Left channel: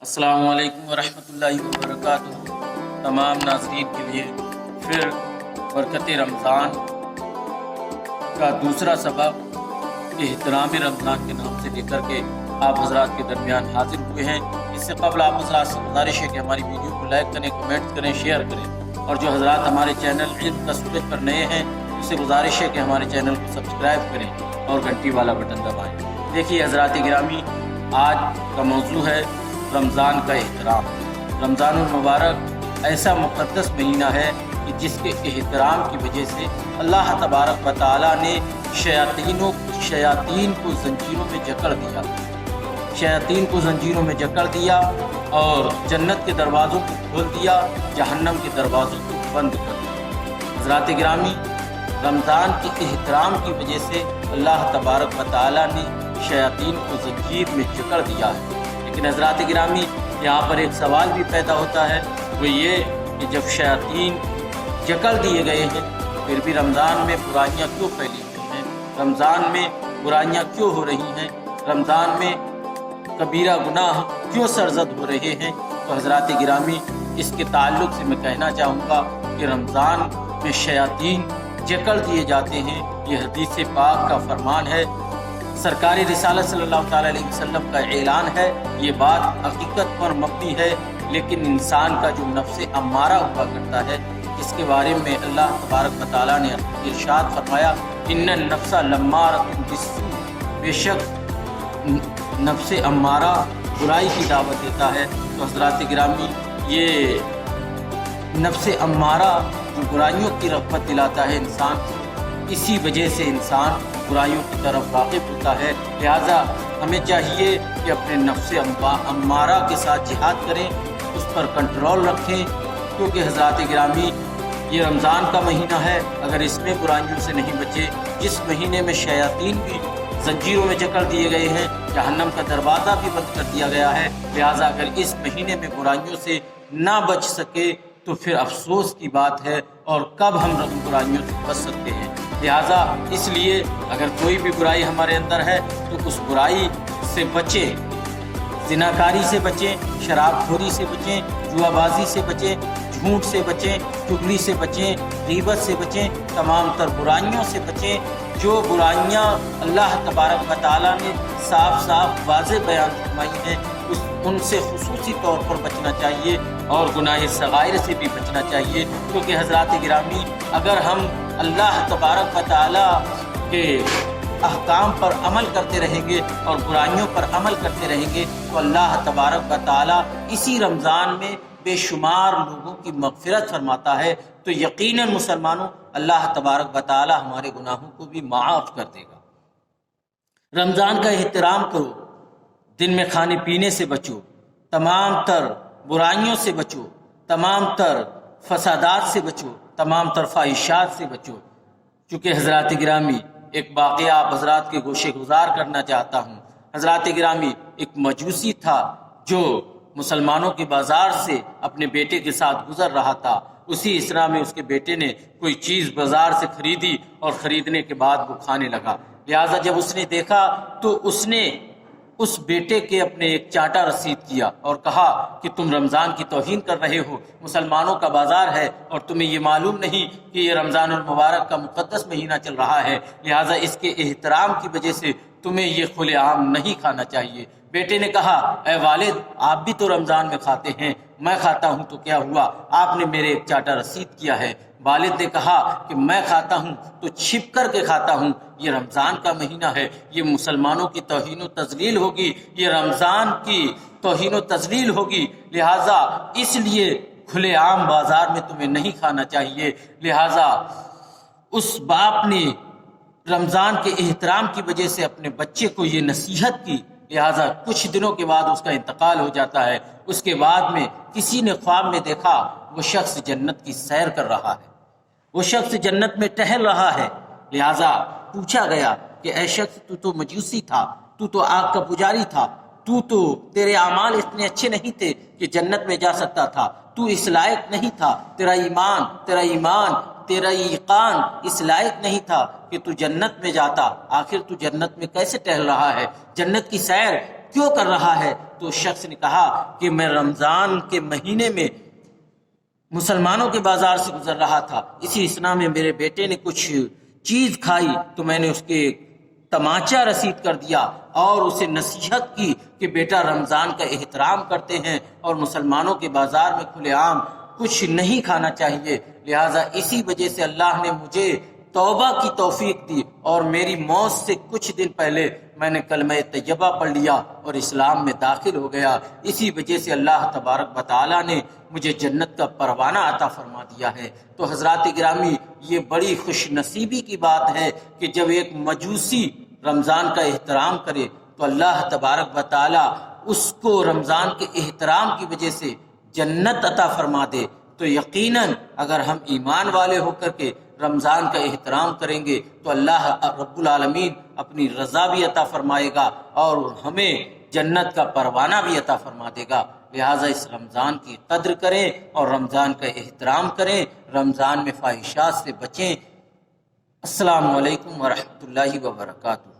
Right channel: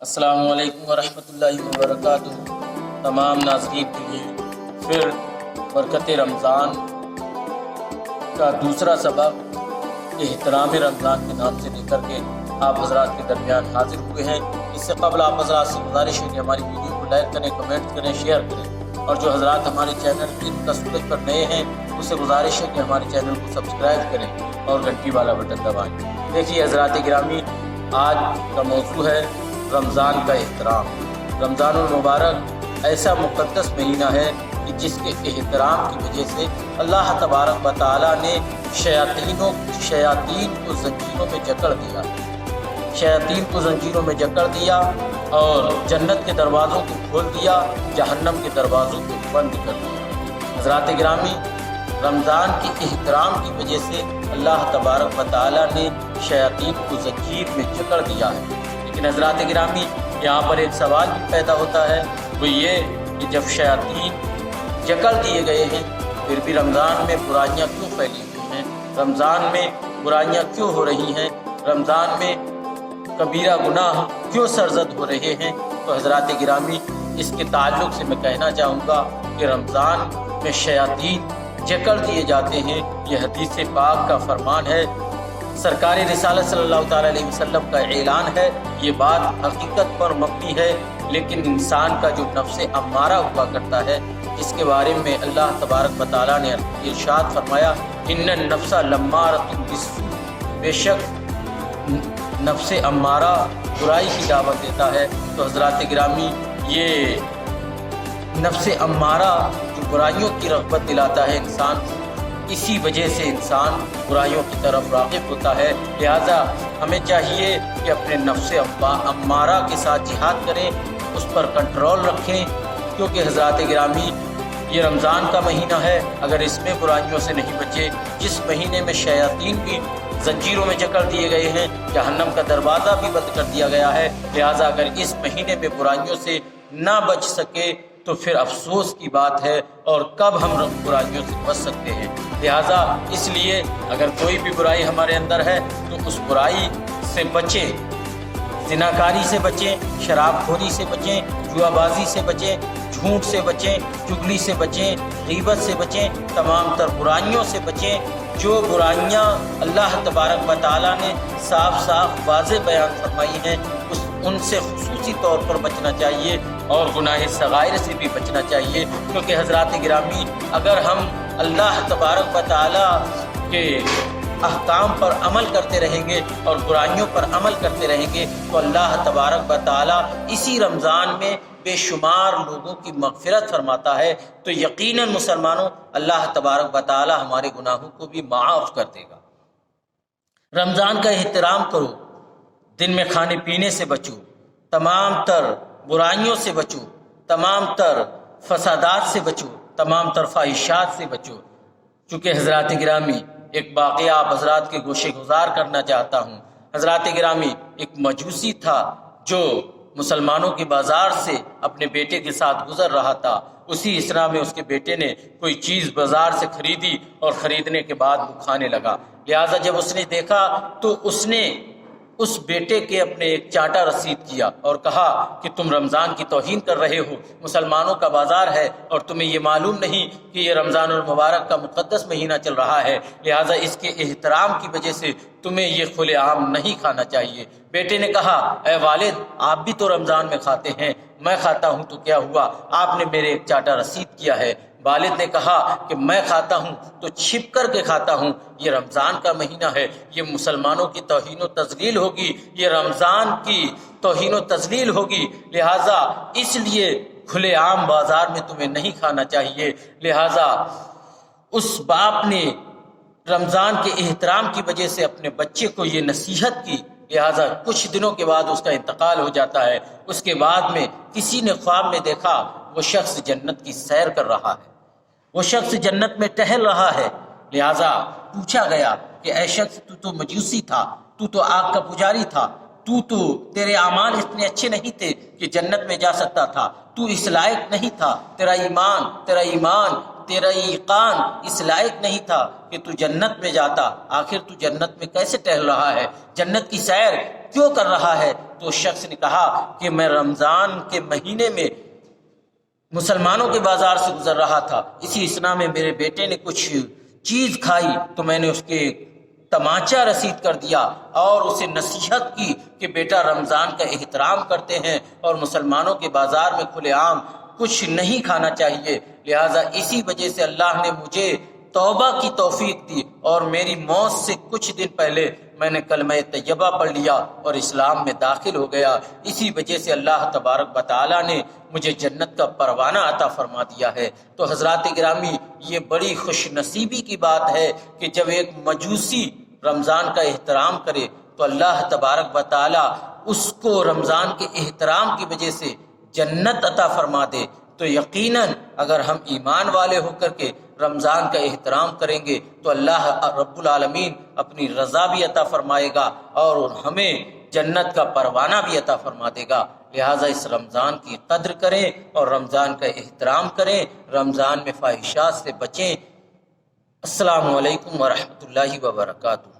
السلام علیکم ورحمۃ اللہ وبرکاتہ۔ تمام ناظرین کے لیے پھر برکت رمضان کا دوسرا سبق احترام رمضان کے نام سے لے کر کے آپ حضرات کے درمیان حاضر ہوئے ہیں۔ اس سے قبل آپ حضرات سے گزارش ہے کہ ہماری ویڈیو کو لائک کریں، کمنٹ کریں، شیئر کریں، اور جو حضرات ہمارے چینل علم کا سورج پر نئے ہیں اس سے گزارش ہے کہ ہمارے چینل کو سبسکرائب کریں اور گھنٹی والا بٹن دبائیں۔ دیکھیے حضرات گرامی، آج کا موضوع ہے رمضان کا احترام۔ رمضان المبارک ایسا مقدس مہینہ ہے کہ جس کے احترام کی وجہ سے اللہ تبارک و تعالیٰ نے شیاطین کو زنجیروں میں جکڑ دیا اور جنت کے دروازوں کو کھول دیا، جہنم کے دروازوں کو بند کر دیا۔ حضرات گرامی، رمضان کے احترام کی وجہ سے اللہ تبارک و تعالیٰ نے شیاطین کو زنجیر میں جکڑ دیا ہے۔ لیکن حضرات گرامی، یہاں پر ایک سوال بھی پیدا ہوتا ہے، وہ یہ کہ جب شیاطین جکڑ دیے گئے ہیں پھر بھی رمضان میں برائیاں کیوں پھیلی ہوئی ہیں؟ رمضان میں برائیاں کیوں ہو رہی ہیں؟ رمضان میں کبیرہ گناہ کیوں سرزد ہو رہے ہیں؟ تو حضرات گرامی، اس کے تعلق سے میں کہنا چاہوں گا کہ رمضان میں شیاطین جکڑ دیے جاتے ہیں، یہ حدیث پاک کا فرمان ہے، سرکار رسالت صلی اللہ تعالیٰ علیہ وسلم کا اعلان ہے۔ یہ بات حقیقت پر مبنی ہے، لیکن انسان کا جو نفس امارہ ہوا کرتا ہے، اس کے بارے میں اللہ تبارک و تعالیٰ نے ارشاد فرمایا، ان النفس لمارۃ بالسوء، بے شک نفس امارہ برائی کی دعوت دیتا ہے۔ تو حضرات گرامی، یہ نفس امارہ جو برائیوں کی رغبت دلاتا ہے انسان، اسی وجہ سے انسان برائیوں کی طرف راغب ہوتا ہے۔ لہذا ہمیں چاہیے کہ اپنے نفس امارہ کے ساتھ جہاد کریں، اس پر کنٹرول رکھیں، کیونکہ حضرات گرامی یہ رمضان کا مہینہ ہے، اگر اس میں برائیوں سے نہیں بچے، جس مہینے میں شیاطین کی زنجیروں میں جکڑ دیے گئے ہیں، جہنم کا دروازہ بھی بند کر دیا گیا ہے، لہذا اگر اس مہینے میں برائیوں سے نہ بچ سکے تو پھر افسوس کی بات ہے، اور کب ہم برائیوں سے بچ سکتے ہیں۔ لہذا اس لیے اگر کوئی بھی برائی ہمارے اندر ہے تو اس برائی سے بچیں، زناکاری سے بچیں، شراب خوری سے بچیں، جوا بازی سے بچیں، جھوٹ سے بچیں، چغلی سے بچیں، غیبت سے بچیں، تمام تر برائیوں سے بچیں۔ جو برائیاں اللہ تبارک و تعالیٰ نے صاف واضح بیان فرمائی ہیں، ان سے خصوصی طور پر بچنا چاہیے، اور گناہ صغائر سے بھی بچنا چاہیے، کیونکہ حضرات گرامی اگر ہم اللہ تبارک و تعالیٰ کے احکام پر عمل کرتے رہیں گے اور برائیوں پر عمل کرتے رہیں گے تو اللہ تبارک و تعالیٰ اسی رمضان میں بے شمار لوگوں کی مغفرت فرماتا ہے۔ تو یقیناً مسلمانوں، اللہ تبارک و تعالیٰ ہمارے گناہوں کو بھی معاف کر دے گا۔ رمضان کا احترام کرو، دن میں کھانے پینے سے بچو، تمام تر برائیوں سے بچو، تمام تر فسادات سے بچو، تمام تر فاحشات سے بچو۔ چونکہ حضرات گرامی ایک واقعہ آپ حضرات کے گوشے گزار کرنا چاہتا ہوں۔ حضرات گرامی، ایک مجوسی تھا جو مسلمانوں کے بازار سے اپنے بیٹے کے ساتھ گزر رہا تھا۔ اسی اسنا میں اس کے بیٹے نے کوئی چیز بازار سے خریدی اور خریدنے کے بعد وہ کھانے لگا۔ لہٰذا جب اس نے دیکھا تو اس نے اس بیٹے کے اپنے ایک چاٹا رسید کیا اور کہا کہ تم رمضان کی توہین کر رہے ہو، مسلمانوں کا بازار ہے اور تمہیں یہ معلوم نہیں کہ یہ رمضان المبارک کا مقدس مہینہ چل رہا ہے، لہٰذا اس کے احترام کی وجہ سے تمہیں یہ کھلے عام نہیں کھانا چاہیے۔ بیٹے نے کہا، اے والد، آپ بھی تو رمضان میں کھاتے ہیں، میں کھاتا ہوں تو کیا ہوا، آپ نے میرے ایک چاٹا رسید کیا ہے۔ والد نے کہا کہ میں کھاتا ہوں تو چھپ کر کے کھاتا ہوں، یہ رمضان کا مہینہ ہے، یہ مسلمانوں کی توہین و تذلیل ہوگی، یہ رمضان کی توہین و تذلیل ہوگی، لہٰذا اس لیے کھلے عام بازار میں تمہیں نہیں کھانا چاہیے۔ لہٰذا اس باپ نے رمضان کے احترام کی وجہ سے اپنے بچے کو یہ نصیحت کی، لہٰذا کچھ دنوں کے بعد اس کا انتقال ہو جاتا ہے۔ اس کے بعد میں کسی نے خواب میں دیکھا وہ شخص جنت کی سیر کر رہا ہے، وہ شخص جنت میں ٹہل رہا ہے۔ لہٰذا پوچھا گیا کہ اے شخص، تو مجوسی تھا، تو آگ کا پجاری تھا، تیرے اعمال اتنے اچھے نہیں تھے کہ جنت میں جا سکتا تھا، تو اس لائق نہیں تھا، تیرا ایمان تیرا یقین اس لائق نہیں تھا کہ تو جنت میں جاتا، آخر تو جنت میں کیسے ٹہل رہا ہے؟ جنت کی سیر کیوں کر رہا ہے؟ تو شخص نے کہا کہ میں رمضان کے مہینے میں مسلمانوں کے بازار سے گزر رہا تھا، اسی اثنا میں میرے بیٹے نے کچھ چیز کھائی تو میں نے اس کے تماچا رسید کر دیا اور اسے نصیحت کی کہ بیٹا رمضان کا احترام کرتے ہیں اور مسلمانوں کے بازار میں کھلے عام کچھ نہیں کھانا چاہیے، لہٰذا اسی وجہ سے اللہ نے مجھے توبہ کی توفیق دی اور میری موت سے کچھ دن پہلے میں نے کلمہ طیبہ پڑھ لیا اور اسلام میں داخل ہو گیا، اسی وجہ سے اللہ تبارک و تعالیٰ نے مجھے جنت کا پروانہ عطا فرما دیا ہے۔ تو حضرات گرامی، یہ بڑی خوش نصیبی کی بات ہے کہ جب ایک مجوسی رمضان کا احترام کرے تو اللہ تبارک و تعالیٰ اس کو رمضان کے احترام کی وجہ سے جنت عطا فرما دے۔ تو یقیناً اگر ہم ایمان والے ہو کر کے رمضان کا احترام کریں گے تو اللہ رب العالمین اپنی رضا بھی عطا فرمائے گا اور ہمیں جنت کا پروانہ بھی عطا فرما دے گا۔ لہٰذا اس رمضان کی قدر کریں اور رمضان کا احترام کریں، رمضان میں فاحشات سے بچیں۔ السلام علیکم ورحمۃ اللہ وبرکاتہ۔